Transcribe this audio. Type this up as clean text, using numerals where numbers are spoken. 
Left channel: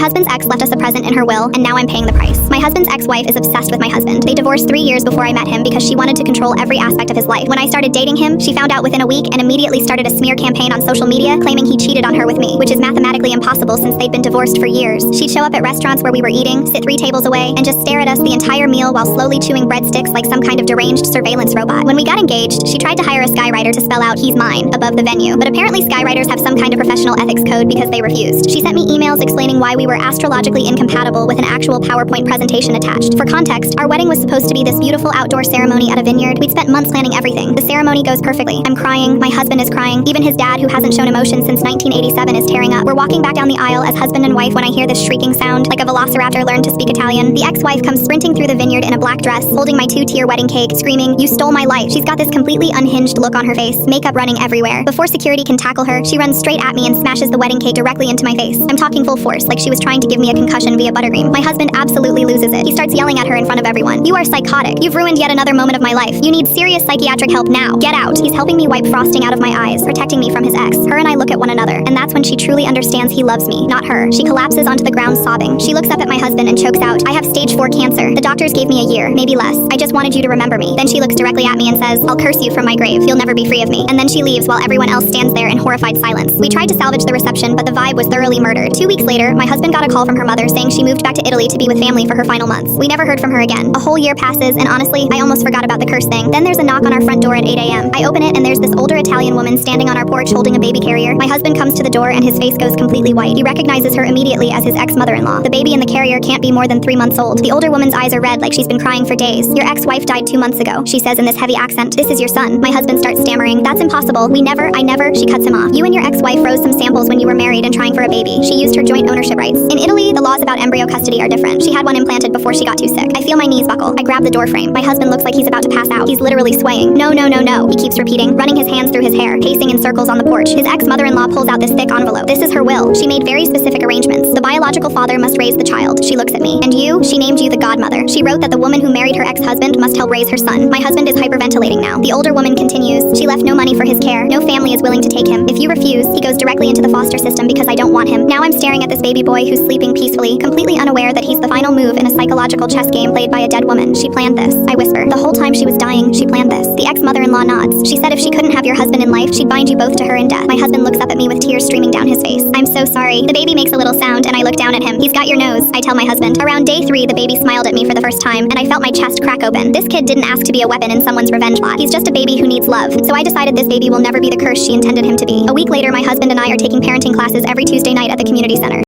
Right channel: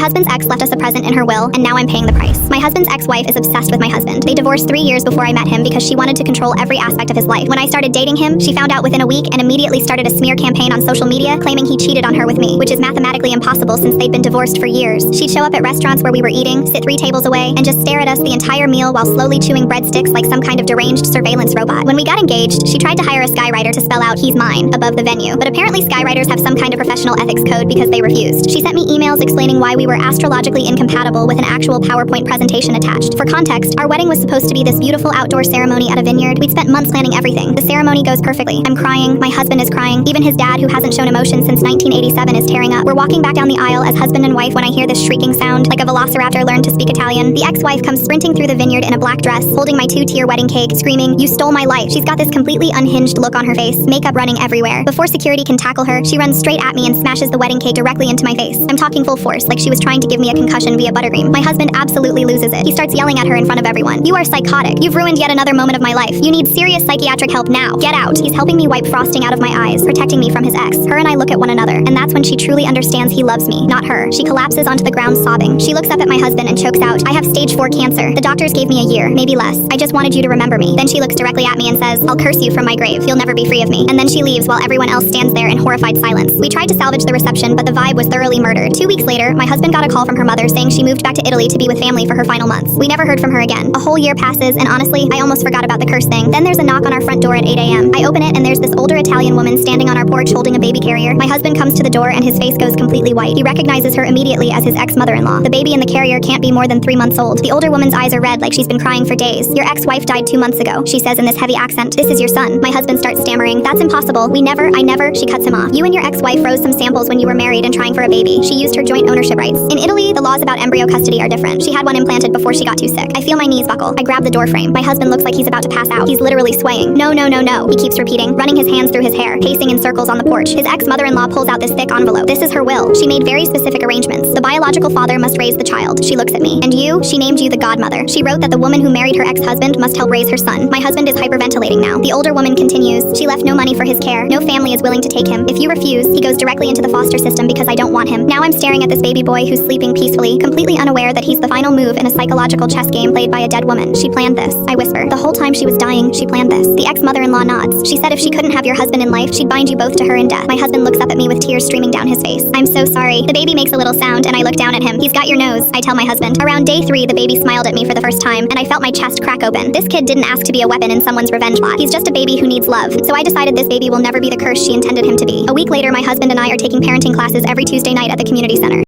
husband's ex left us a present in her will, and now I'm paying the price. My husband's ex-wife is obsessed with my husband. They divorced 3 years before I met him because she wanted to control every aspect of his life. When I started dating him, she found out within a week and immediately started a smear campaign on social media claiming he cheated on her with me, which is mathematically impossible since they'd been divorced for years. She'd show up at restaurants where we were eating, sit 3 tables away, and just stare at us the entire meal while slowly chewing breadsticks like some kind of deranged surveillance robot. When we got engaged, she tried to hire a skywriter to spell out "he's mine" above the venue, but apparently skywriters have some kind of professional ethics code because they refused. She sent me emails explaining why we were astrologically incompatible with an actual PowerPoint presentation attached. For context, our wedding was supposed to be this beautiful outdoor ceremony at a vineyard. We'd spent months planning everything. The ceremony goes perfectly. I'm crying, my husband is crying, even his dad, who hasn't shown emotion since 1987, is tearing up. We're walking back down the aisle as husband and wife when I hear this shrieking sound, like a velociraptor learned to speak Italian. The ex-wife comes sprinting through the vineyard in a black dress, holding my 2-tier wedding cake, screaming, "You stole my life." She's got this completely unhinged look on her face, makeup running everywhere. Before security can tackle her, she runs straight at me and smashes the wedding cake directly into my face. I'm talking full force, like she was trying to give me a concussion via buttercream. My husband absolutely loses it. He starts yelling at her in front of everyone. "You are psychotic. You've ruined yet another moment of my life. You need serious psychiatric help now. Get out." He's helping me wipe frosting out of my eyes, protecting me from his ex. Her and I look at one another, and that's when she truly understands he loves me, not her. She collapses onto the ground sobbing. She looks up at my husband and chokes out, "I have stage 4 cancer. The doctors gave me a year, maybe less. I just wanted you to remember me." Then she looks directly at me and says, "I'll curse you from my grave. You'll never be free of me." And then she leaves while everyone else stands there in horrified silence. We tried to salvage the reception, but the vibe was thoroughly murdered. 2 weeks later, my husband got a call from her mother saying she moved back to Italy to be with family for her final months. We never heard from her again. A whole year passes, and honestly, I almost forgot about the curse thing. Then there's a knock on our front door at 8 a.m. I open it, and there's this older Italian woman standing on our porch holding a baby carrier. My husband comes to the door, and his face goes completely white. He recognizes her immediately as his ex-mother-in-law. The baby in the carrier can't be more than 3 months old. The older woman's eyes are red like she's been crying for days. "Your ex-wife died 2 months ago," she says in this heavy accent. "This is your son." My husband starts stammering. "That's impossible. I never," she cuts him off. "You and your ex-wife froze some samples when you were married and trying for a baby. She used her joint ownership rights. In Italy, the laws about embryo custody are different. She had one implanted before she got too sick." I feel my knees buckle. I grab the door frame. My husband looks like he's about to pass out. He's literally swaying. "No, no, no, no," he keeps repeating, running his hands through his hair, pacing in circles on the porch. His ex-mother-in-law pulls out this thick envelope. "This is her will. She made very specific arrangements. The biological father must raise the child." She looks at me. "And you?" She named you the godmother. She wrote that the woman who married her ex-husband must help raise her son. My husband is hyperventilating now. The older woman continues, "She left no money for his care. No family is willing to take him. If you refuse, he goes directly into the foster system because I don't want him." Now I'm staring at this baby boy who's sleeping peacefully, completely unaware that he's the final move in a psychological chess game played by a dead woman. "She planned this," I whisper. "The whole time she was dying, she planned this." The ex-mother-in-law nods. "She said if she couldn't have your husband in life, she'd bind you both to her in death." My husband looks up at me with tears streaming down his face. "I'm so sorry." The baby makes a little sound, and I look down at him. "He's got your nose," I tell my husband. Around day 3, the baby smiled at me for the first time, and I felt my chest crack open. This kid didn't ask to be a weapon in someone's revenge plot. He's just a baby who needs love. So I decided this baby will never be the curse she intended him to be. A week later, my husband and I are taking parenting classes every Tuesday night at the community center.